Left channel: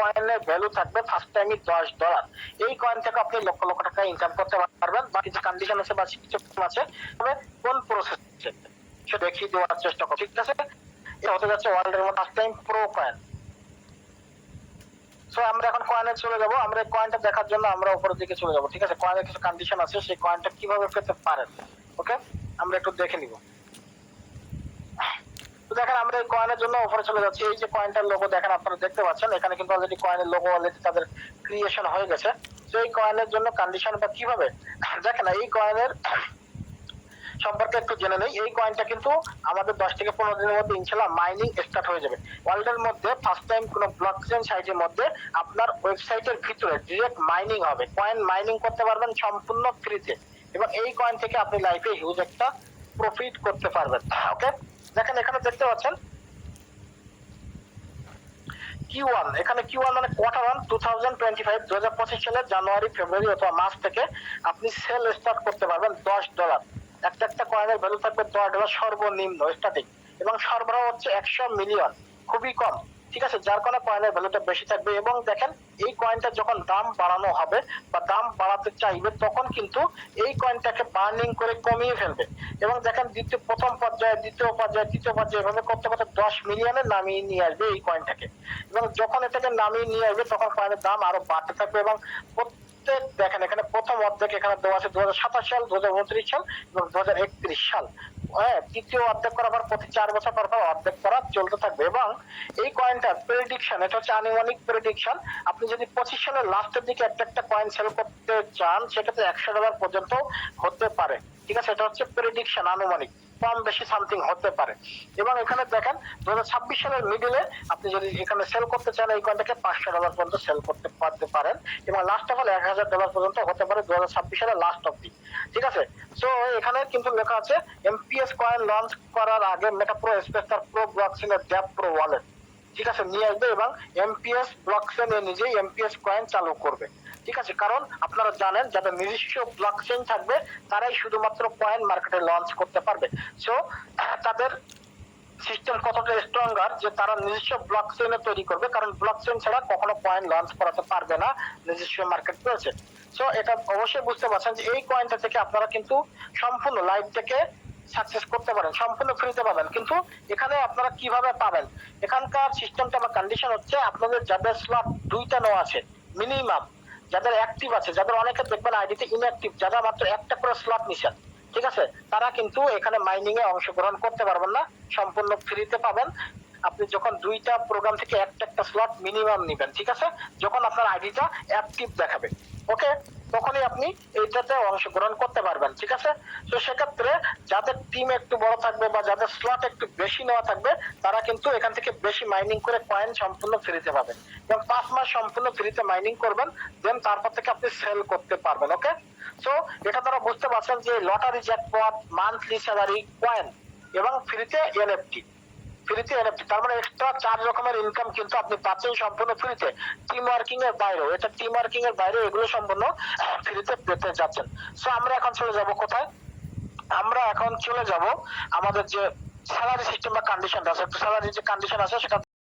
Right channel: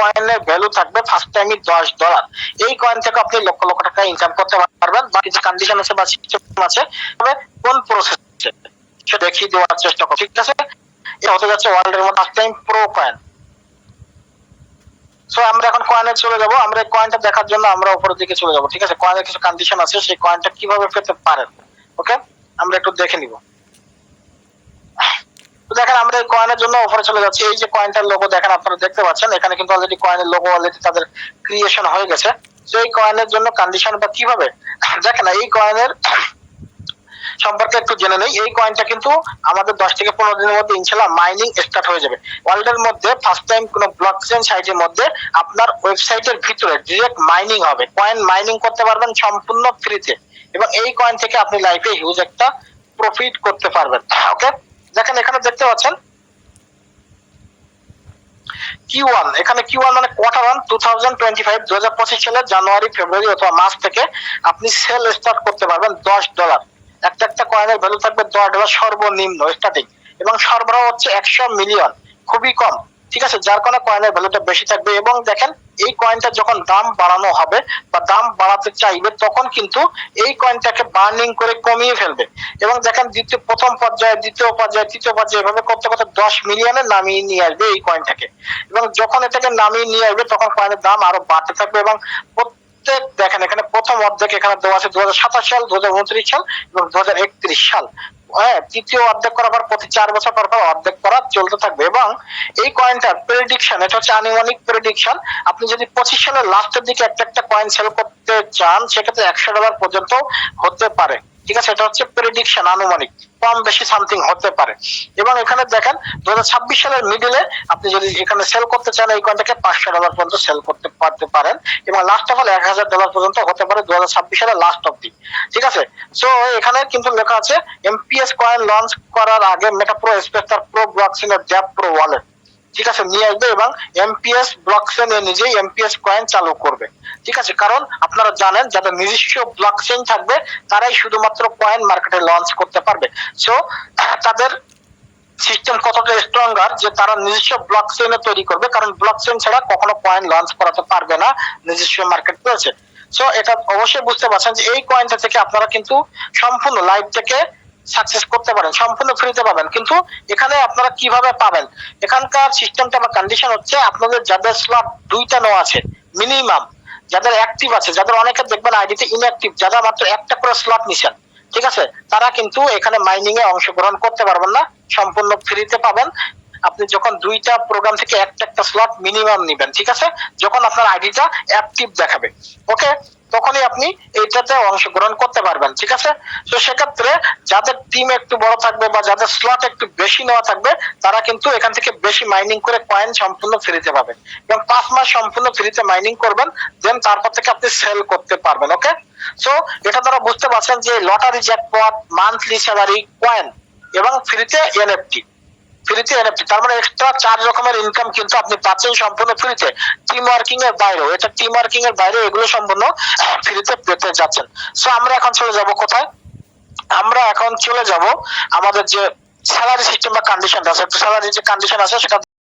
কয়েনের ভ্যালু থাকবে ফার্স্ট টাইমই দশ ডলার এই কয়েন থেকে আপনি লক্ষ লক্ষ টাকা ইনকাম করতে পারবেন, বা কিছু কন্ডিশন আছে বা সিস্টেম আছে, তবে কোন প্রসেস সেটা দেখিয়ে দেওয়ার চেষ্টা করো, ঠিক আছে? এটা হতে যাচ্ছে ওয়ার্ল্ডের মধ্যে first time pro coin so আমরা এখন কয়েনে চলে যাব। আমরা কয়েনটা দেখার জন্য আমরা উপরের দিকে চলে যাব, ঠিক আছে? কয়েনের কিছু কন্ডিশন আছে, সেই কয়েনটা কীভাবে পেতে পারেন? ওকে আমরা একটু দেখে নিব। দেখেন, আমরা এই কয়েনের জন্য উপরে চলে যাচ্ছি। এই যে কয়েনটার লোগো দেখেন, আপনারা দেখতে পাচ্ছেন। এখানে কিন্তু অলরেডি কয়েনের লোগো অলরেডি তাদের ক্রিয়েশন হয়ে গেছে। তো এই কয়েনের জন্য কন্ডিশন বা কীভাবে? দেখেন, এই কয়েনের সম্পর্কে একটু জেনে নেই। এই কয়েনটা কিন্তু আমাদের দশ থেকে পনেরো দিনের মধ্যে ইনশাল্লাহ মাইনিং স্টার্ট হয়ে যাবে। ওয়ার্ল্ডের মধ্যে ফার্স্ট টাইম কোনো ব্লক চেন সাইটের মধ্যে আপনার ওয়েবসাইটের ভিতরে ডিরেক্ট মাইনিং হবে। কয়েন মাইনিং করতে পারবেন সম্পূর্ণ ফ্রিতে এবং এই কয়েন থেকে আপনি লাইফে হিউজ একটা প্রফিট করতে পারবেন। ওকে দেখেন, এখানে দেখতে পাচ্ছেন। কিউ ওয়ান এখানে কিউ ওয়ান মানে quarter one two thousand twenty five দু হাজার পঁচিশ সালের জানুয়ারি, ফেব্রুয়ারি অথবা মার্চ থেকে আপনি সেল স্টার্ট করতে পারবেন দশ ডলার একটা একটা কয়েনের ভ্যালু থাকবে দশ ডলার সর্বনিম্ন স্টার্টিং এবং সরবরাহ হচ্ছে একশো মিলিয়ন খুবই কম। ঠিক আছে, যার কারণে কয়েনের ভ্যালুটা বেশি থাকবে এবং দেখেন, এই কয়েনটা যখন দাম বাড়ানো হবে বা দাম বাড়াতে চাইবে, তখন কিন্তু এই কয়েনটাকে বার্নিং করে কমিয়ে ফেলবে। এবং দেখেন, দ্বিতীয়, প্রথম পর্যায়ে, দ্বিতীয় পর্যায়ে, তৃতীয় পর্যায়ে এভাবে করতে করতে দশ মিলিয়নে নামিয়ে নিয়ে আসবে এই কয়েনটাকে এবং যখন এটাকে নামিয়ে নিয়ে আসবে, তখন কয়েনের দাম আরও বাড়তে থাকবে এবং প্রত্যেক, দেখেন এখানে প্রথম অর্ধেক এখানে দেওয়া আছে দু সাল, দুহাজার উনত্রিশ সাল এবং দুহাজার একত্রিশ সাল। হ্যাঁ তৃতীয় অর্ধেক করার পর প্রতি চার বছর পর পর অর্ধেক করা চলতে থাকবে এবং এই কয়েনটার প্রেডিকশন এটা হচ্ছে আনুমানিক প্রেডিকশন আপনি যদি পঁচিশ সালের লাস্টের দিকে একটা একটা কয়েন সেল করতে চান, সেক্ষেত্রে একশো ডলার পর্যন্ত হতে পারে। ঠিক আছে? এটা হচ্ছে প্রেডিকশন আনুমানিক। কম বেশি সামথিং হতে পারে। এবং এখানে দেখেন দু হাজার ছাব্বিশ সালের মিডিলে আপনি যদি এখানে সেল করতে চান, এই কয়েনটাকে পাঁচশো ডলার পর্যন্ত সেল করতে পারতে পারেন। এবং লাস্ট অফ অল এক হাজার ডলার পর্যন্ত হতে পারে দু হাজার ছাব্বিশ সালের লাস্ট অব্দি ঠিক আছে? সো এখানে কিন্তু লেখা আছে এমপিএস কয়েন লঞ্চ করার আগে মেটা প্রো স্পেক্টার প্রো ব্লকচেনের ড্যাপ প্রো ওয়ালেট ঠিক আছে, নিয়ে আসবে এবং এমপিএস ব্লকচেন এ নিজেই এমপিএস কয়েন চালু করবে। ঠিক আছে, কারণ আপনারা জানেন যাদের নিজস্ব ব্লকচেন থাকবে, তারাই শুধুমাত্র কয়েন মার্কেটে লঞ্চ করতে পারবে। সো তাদের সিস্টেম কতটা স্ট্রঙ্গার যে তারা নিজস্ব ব্লক চেইনে তৈরি করবে, কারণ ব্লক চেইন ছাড়া কখনো কয়েন লঞ্চ করাতে পারবে না নিজস্ব মার্কেট রয়েছে সো এটা অবশ্যই বুঝতে পারছেন যে এই কয়েনটা থেকে আপনারা কিন্তু সম্পূর্ণ লাইভ থেকে সাকসেস করতে পারেন, সম্পূর্ণ ফ্রিতে পাবেন। কিন্তু এখানে আপনারা কীভাবে পাবেন? এখানকার সিস্টেমটা বা কন্ডিশন হচ্ছে আপনাদের যাদের স্লট দুইটা নো আছে মিনিমাম যাদের অ্যাক্টিভ আছে, যাদের অনেকে দেখবেন আইডিতে ইনঅ্যাক্টিভ যারা মাত্র একটা করে স্লট নিছেন, ঠিক আছে? তারা কিন্তু এখানে মাইনিং এ অংশগ্রহণ করতে পারবেন না, সম্পূর্ণ ফ্রিতে পাবেন। আপনি যখন দুইটা প্রোগ্রাম থেকে একটা একটা স্লট মিনিমাম নিবেন, ঠিক আছে? যখন আপনার আইডিটা অ্যাক্টিভ দেখাবে, ওকে? তখনই আপনি এইটাতে অংশগ্রহণ করতে পারবেন, ঠিক আছে? তো সেক্ষেত্রে যাদের টিম একটু বড় থাকবে বা যাদের স্লট একটু বেশি নেওয়া থাকবে, তারা কিন্তু এখান থেকে বেশি মাইনিং করে কয়েন সম্পূর্ণ ফ্রিতে পাবেন। এবং পাঁচ মাস সম্পূর্ণ ফ্রিতে মাইনিং করবেন দেন তারপর থেকে আপনি সেল করতে পারবেন, ওকে? সো এটা তারা বুঝতে পারছেন যে lottery jackpot monthly salary coin এবং ফ্রিতে এনএফটি ফ্রিতে তার মানে এক্সট্রা চার রকমের ইনকাম কিন্তু আপনি পাচ্ছেন সম্পূর্ণ ফ্রিতে টিম ওয়ার্কিং এর বাইরেও, এটা টিম ওয়ার্কিং এর বাইরে এগুলো সম্পূর্ণ ফ্রিতে পেতে যাচ্ছেন। সো আমরা এখন চলে যাব কোথায়? আমরা এখন চলে যাব আমাদের যে স্যালারি সিস্টেম বা কন্ডিশন আছে স্যালারি যে কন্ডিশন আছে সেটা